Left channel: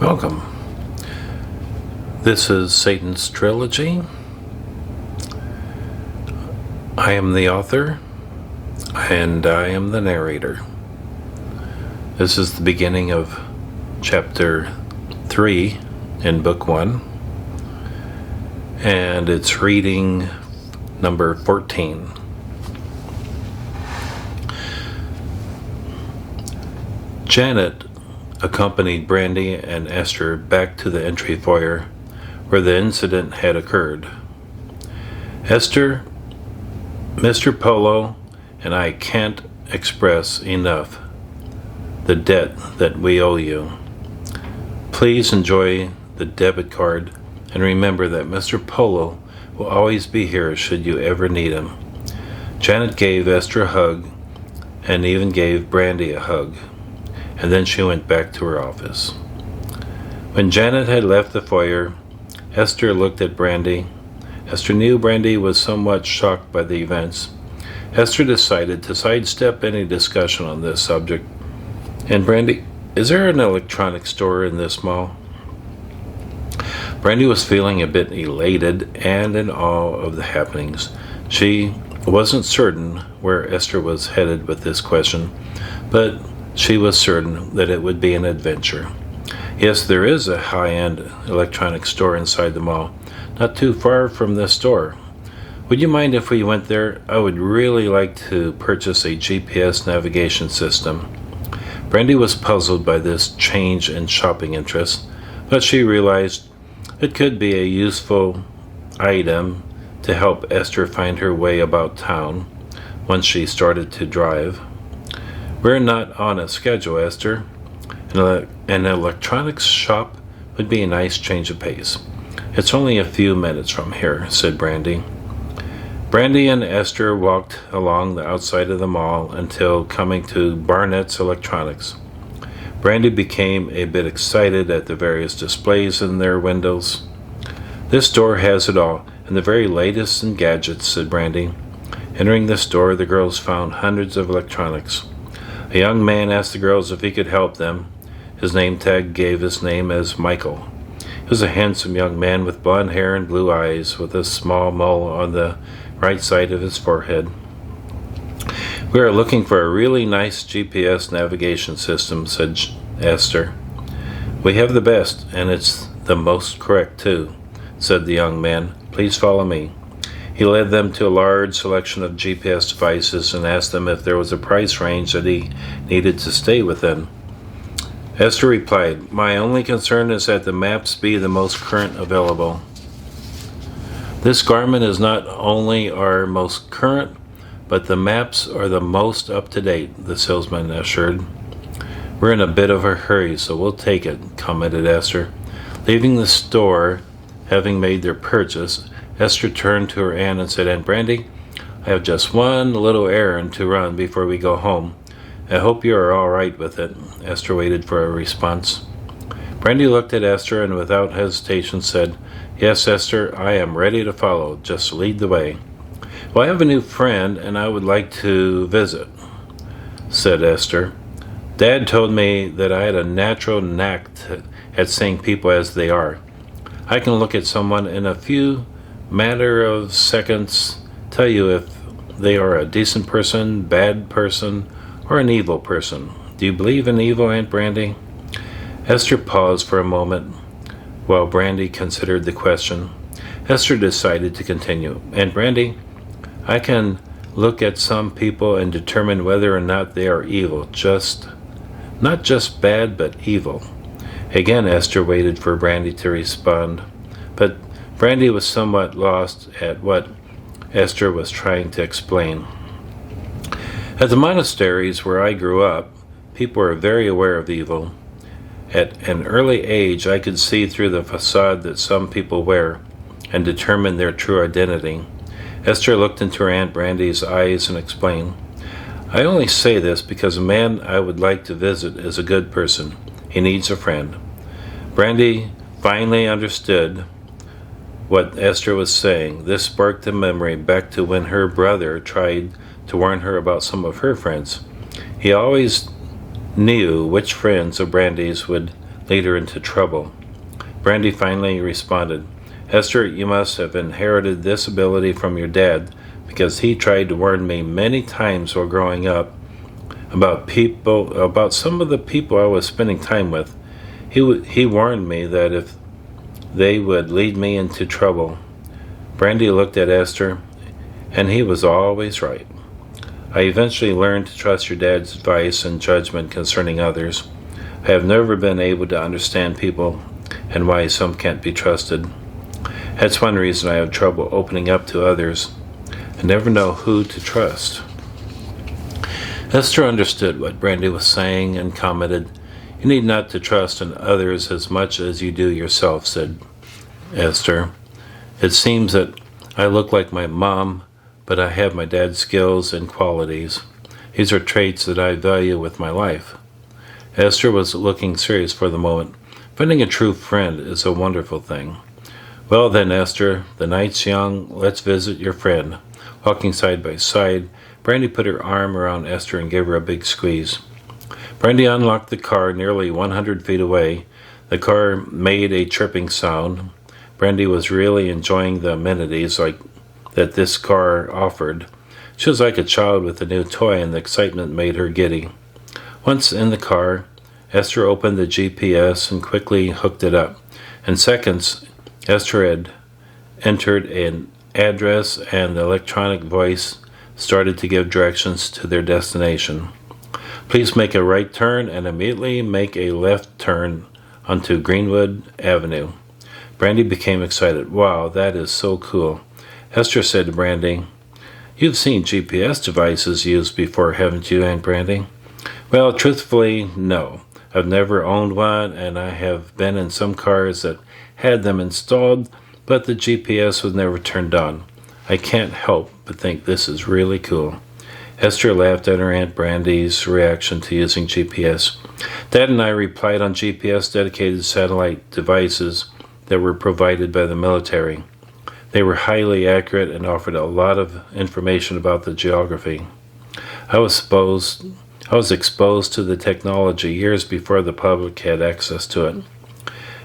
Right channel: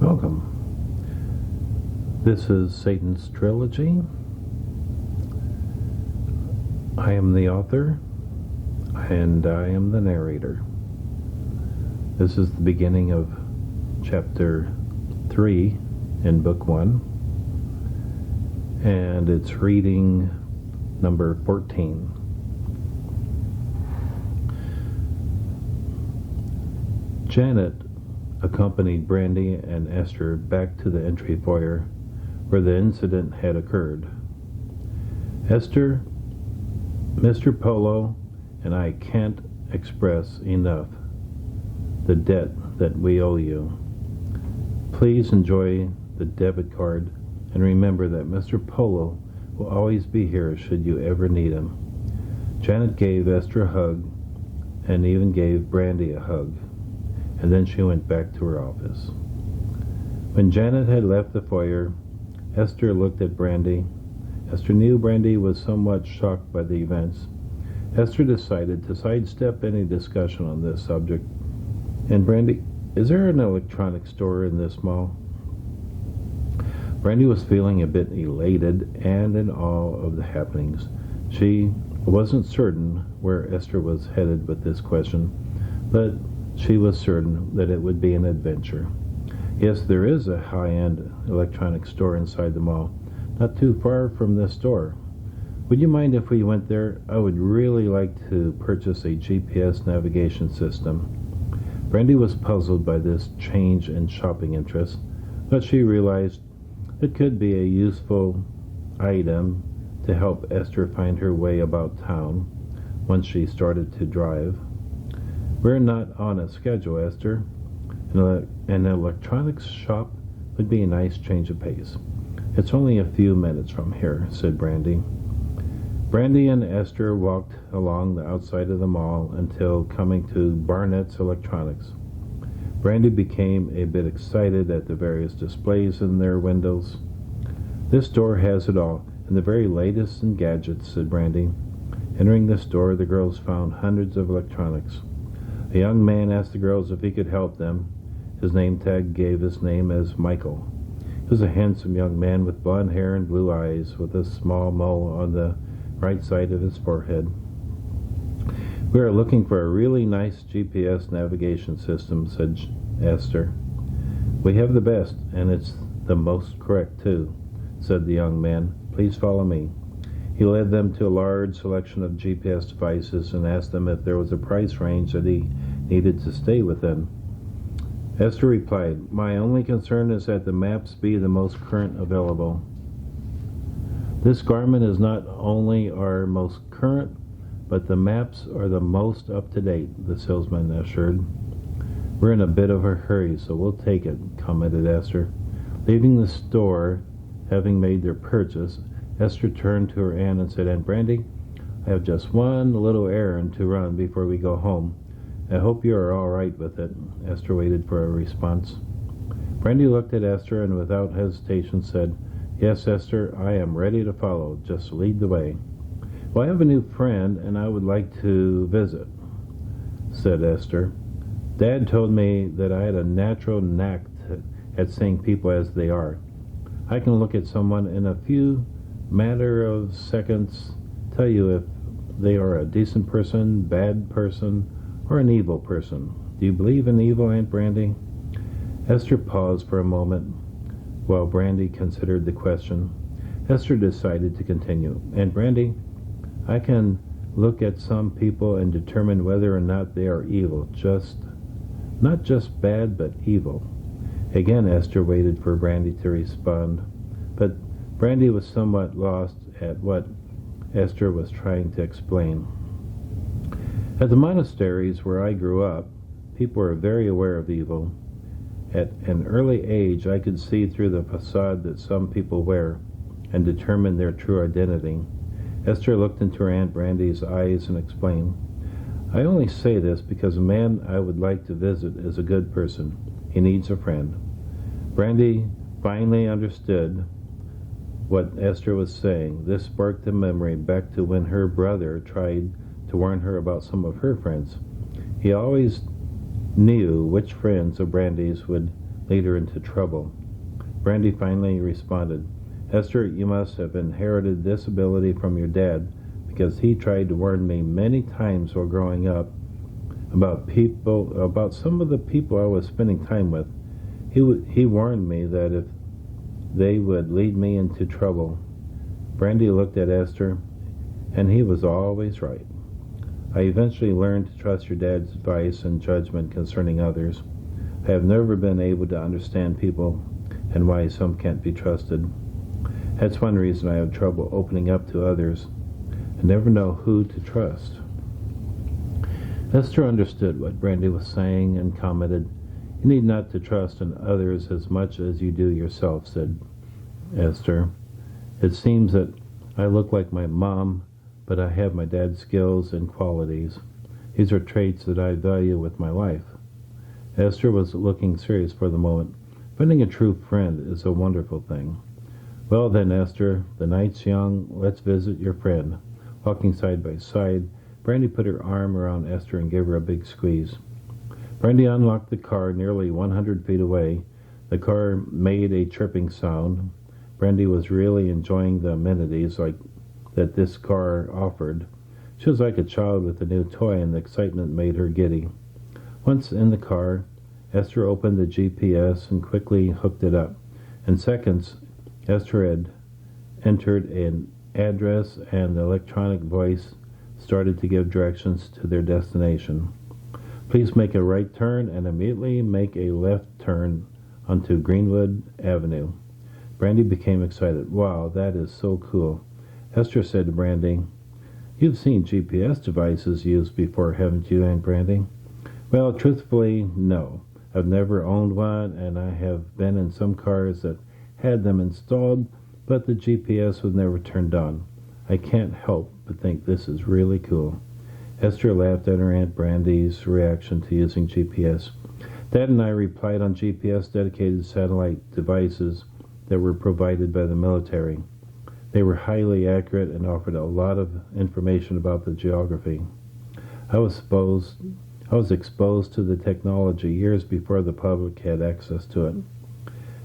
Welcome. This is Satan's Trilogy. I am the author, and I am the narrator. This is the beginning of Chapter 3 in Book 1, and it's reading number 14. Janet accompanied Brandy and Esther back to the entry foyer where the incident had occurred. Esther, Mr. Polo, and I can't express enough the debt that we owe you. Please enjoy the debit card and remember that Mr. Polo will always be here should you ever need him. Janet gave Esther a hug and even gave Brandy a hug, and then she went back to her office. When Janet had left the foyer, Esther looked at Brandy. Esther knew Brandy was somewhat shocked by the events. Esther decided to sidestep any discussion on this subject. And Brandy, is there an electronics store in this mall? Brandy was feeling a bit elated and in awe of the happenings. She wasn't certain where Esther was headed with this question, but she was certain that it would be an adventure. Yes, there is a high-end electronics store inside the mall, not too far from this store. Would you mind if we went there? I would really like to purchase a GPS navigation system. Brandy was puzzled by this change in shopping interest, but she realized it could be a useful item to help Esther find her way about town once she started to drive. We're not on a schedule, Esther. An electronics shop would be a nice change of pace. It's only a few minutes from here, said Brandy. Brandy and Esther walked along the outside of the mall until coming to Barnett's Electronics. Brandy became a bit excited at the various displays in their windows. This store has it all, and the very latest in gadgets, said Brandy. Entering the store, the girls found hundreds of electronics. A young man asked the girls if he could help them. His name tag gave his name as Michael. He was a handsome young man with blonde hair and blue eyes, with a small mole on the right side of his forehead. We are looking for a really nice GPS navigation system, said Esther. We have the best, and it's the most correct too, said the young man. Please follow me. He led them to a large selection of GPS devices and asked them if there was a price range that he needed to stay within. Esther replied, My only concern is that the maps be the most current available. This Garmin is not only our most current, but the maps are the most up-to-date, the salesman assured. We're in a bit of a hurry, so we'll take it, commented Esther. Leaving the store, having made their purchase, Esther turned to her aunt and said, Aunt Brandy, I have just one little errand to run before we go home. I hope you are all right with it. Esther waited for a response. Brandy looked at Esther and without hesitation said, Yes, Esther, I am ready to follow. Just lead the way. Well, I have a new friend and I would like to visit, said Esther. Dad told me that I had a natural knack at seeing people as they are. I can look at someone in a few matter of seconds, tell you if they are a decent person, bad person, or an evil person. Do you believe in evil, Aunt Brandy? Esther paused for a moment while Brandy considered the question. Esther decided to continue. Aunt Brandy, I can look at some people and determine whether or not they are evil, not just bad, but evil. Again, Esther waited for Brandy to respond, but Brandy was somewhat lost at what Esther was trying to explain. At the monasteries where I grew up, people were very aware of evil. At an early age, I could see through the facade that some people wear and determine their true identity. Esther looked into her Aunt Brandy's eyes and explained, I only say this because a man I would like to visit is a good person. He needs a friend. Brandy finally understood what Esther was saying. This sparked a memory back to when her brother tried to warn her about some of her friends. He always knew which friends of Brandy's would lead her into trouble. Brandy finally responded, Esther, you must have inherited this ability from your dad, because he tried to warn me many times while growing up about some of the people I was spending time with. He warned me that if they would lead me into trouble. Brandy looked at Esther, and he was always right. I eventually learned to trust your dad's advice and judgment concerning others. I have never been able to understand people and why some can't be trusted. That's one reason I have trouble opening up to others. I never know who to trust. Esther understood what Brandy was saying and commented, You need not to trust in others as much as you do yourself, said Esther. It seems that I look like my mom, but I have my dad's skills and qualities. These are traits that I value with my life. Esther was looking serious for the moment. Finding a true friend is a wonderful thing. Well then, Esther, the night's young. Let's visit your friend. Walking side by side, Brandy put her arm around Esther and gave her a big squeeze. Brandy unlocked the car nearly 100 feet away. The car made a chirping sound. Brandy was really enjoying the amenities that this car offered. She was like a child with a new toy, and the excitement made her giddy. Once in the car, Esther opened the GPS and quickly hooked it up. In seconds, Esther had entered an address, and the electronic voice started to give directions to their destination. Please make a right turn and immediately make a left turn onto Greenwood Avenue. Brandy became excited. Wow, that is so cool. Esther said to Brandy, You've seen GPS devices used before, haven't you, Aunt Brandy? Well, truthfully, no. I've never owned one, and I have been in some cars that had them installed, but the GPS was never turned on. I can't help but think this is really cool. Esther laughed at her Aunt Brandy's reaction to using GPS. Dad and I replied on GPS-dedicated satellite devices that were provided by the military. They were highly accurate and offered a lot of information about the geography. I was exposed to the technology years before the public had access to it.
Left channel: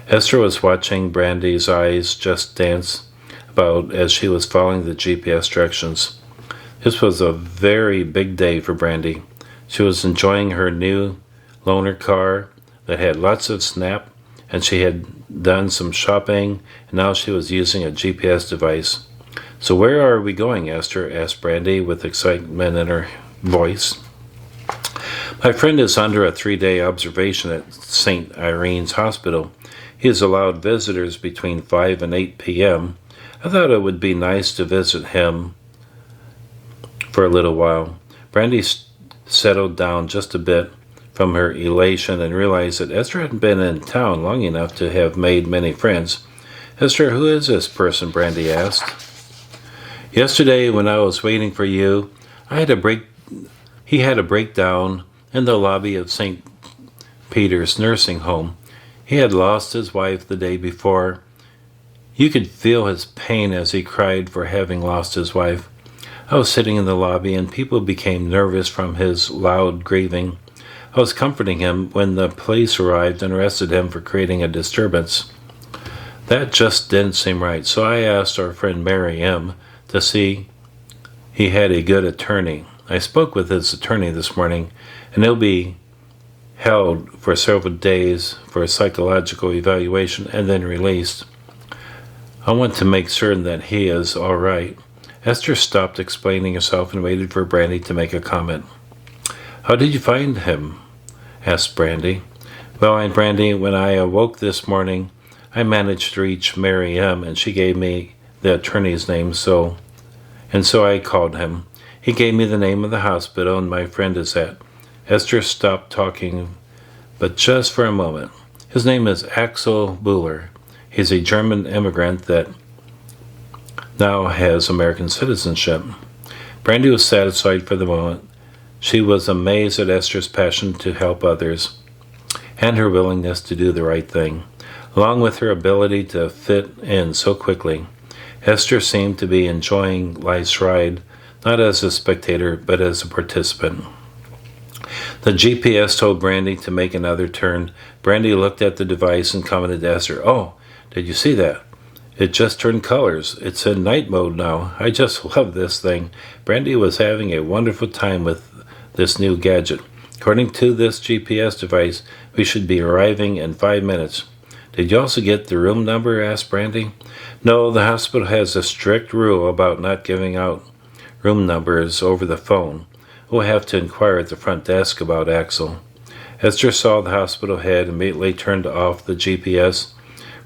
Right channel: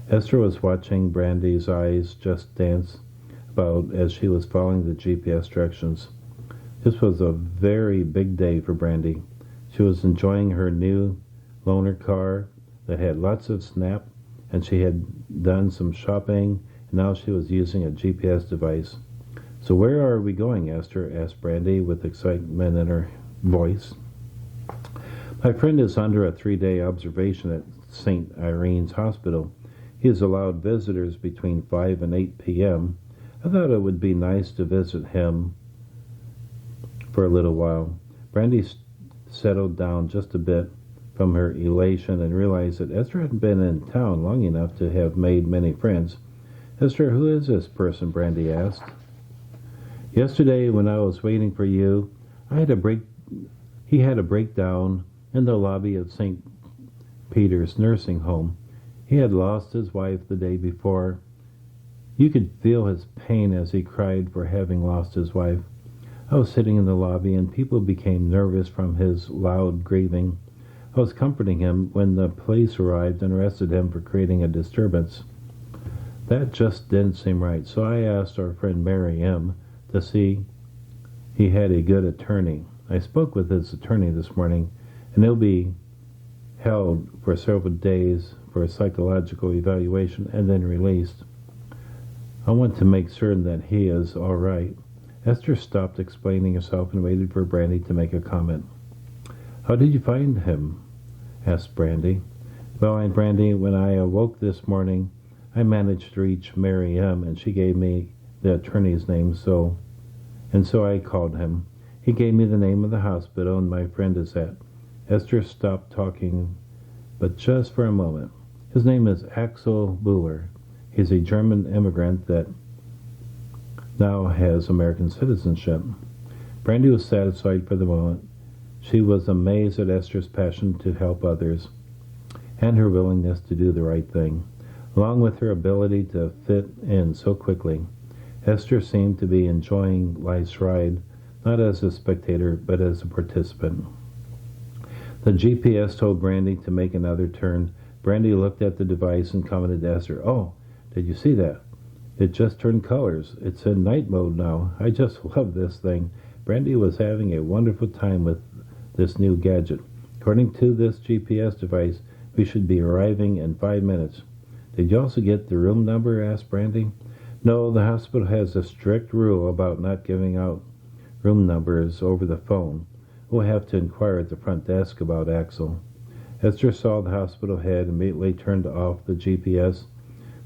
Esther was watching Brandy's eyes just dance about as she was following the GPS directions. This was a very big day for Brandy. She was enjoying her new loaner car that had lots of snap, and she had done some shopping, and now she was using a GPS device. So where are we going, Esther? Asked Brandy with excitement in her voice. My friend is under a 3-day observation at St. Irene's Hospital. He has allowed visitors between 5 and 8 p.m. I thought it would be nice to visit him for a little while. Brandy settled down just a bit from her elation and realized that Esther hadn't been in town long enough to have made many friends. Esther, who is this person? Brandy asked. Yesterday, when I was waiting for you, he had a breakdown in the lobby of St. Peter's nursing home. He had lost his wife the day before. You could feel his pain as he cried for having lost his wife. I was sitting in the lobby, and people became nervous from his loud grieving. I was comforting him when the police arrived and arrested him for creating a disturbance. That just didn't seem right, so I asked our friend Mary M. to see he had a good attorney. I spoke with his attorney this morning, and he'll be held for several days for a psychological evaluation and then released. I want to make certain that he is all right. Esther stopped explaining herself and waited for Brandy to make a comment. How did you find him? Asked Brandy. Well, Aunt Brandy, when I awoke this morning, I managed to reach Mary M., and she gave me the attorney's name, so I called him. He gave me the name of the hospital and my friend is at. Esther stopped talking, but just for a moment. His name is Axel Buhler. He's a German immigrant that now has American citizenship. Brandy was satisfied for the moment. She was amazed at Esther's passion to help others and her willingness to do the right thing, along with her ability to fit in so quickly. Esther seemed to be enjoying life's ride, not as a spectator, but as a participant. The GPS told Brandy to make another turn. Brandy looked at the device and commented to Esther, "Oh, did you see that? It just turned colors. It's in night mode now. I just love this thing." Brandy was having a wonderful time with this new gadget. "According to this GPS device, we should be arriving in 5 minutes. "Did you also get the room number?" asked Brandy. "No, the hospital has a strict rule about not giving out room numbers over the phone. We'll have to inquire at the front desk about Axel." Esther saw the hospital head, immediately turned off the GPS,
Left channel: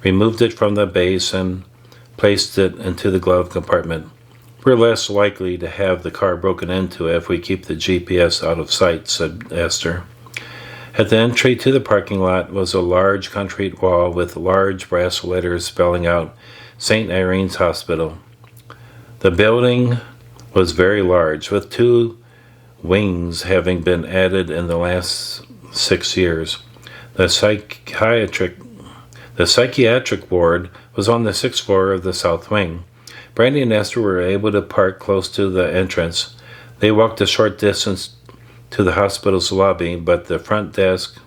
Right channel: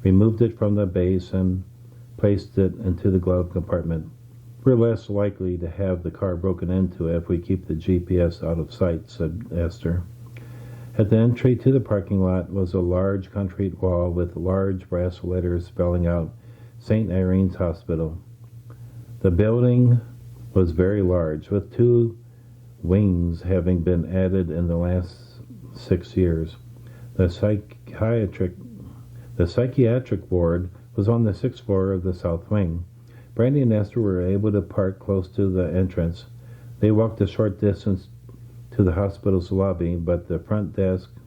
removed it from the base, and placed it into the glove compartment. "We're less likely to have the car broken into if we keep the GPS out of sight," said Esther. At the entry to the parking lot was a large concrete wall with large brass letters spelling out St. Irene's Hospital. The building was very large, with 2 wings having been added in the last 6 years. The psychiatric ward was on the 6th floor of the south wing. Brandy and Esther were able to park close to the entrance. They walked a short distance to the hospital's lobby, but at the front desk,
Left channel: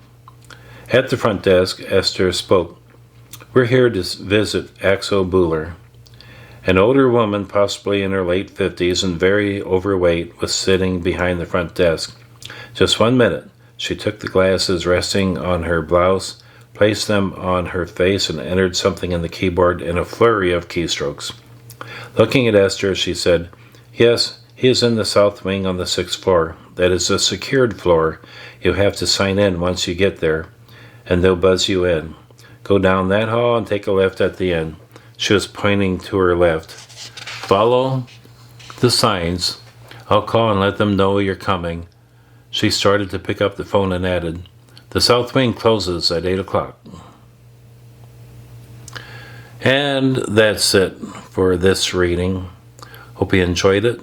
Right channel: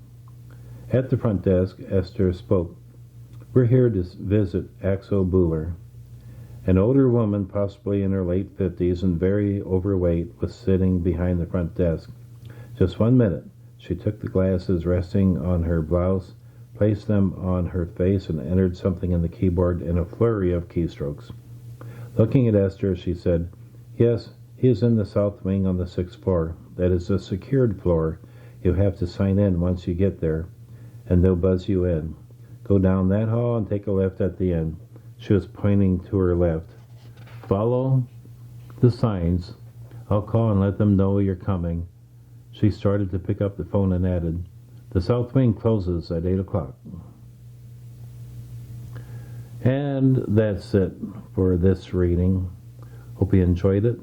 Esther spoke. "We're here to visit Axel Buller." An older woman, possibly in her late 50s and very overweight, was sitting behind the front desk. "Just 1 minute." She took the glasses resting on her blouse, placed them on her face, and entered something in the keyboard in a flurry of keystrokes. Looking at Esther, she said, "Yes, he is in the south wing on the 6th floor. That is a secured floor. You have to sign in once you get there, and they'll buzz you in. Go down that hall and take a left at the end." She was pointing to her left. "Follow the signs. I'll call and let them know you're coming." She started to pick up the phone and added, "The south wing closes at 8 o'clock. And that's it for this reading. Hope you enjoyed it.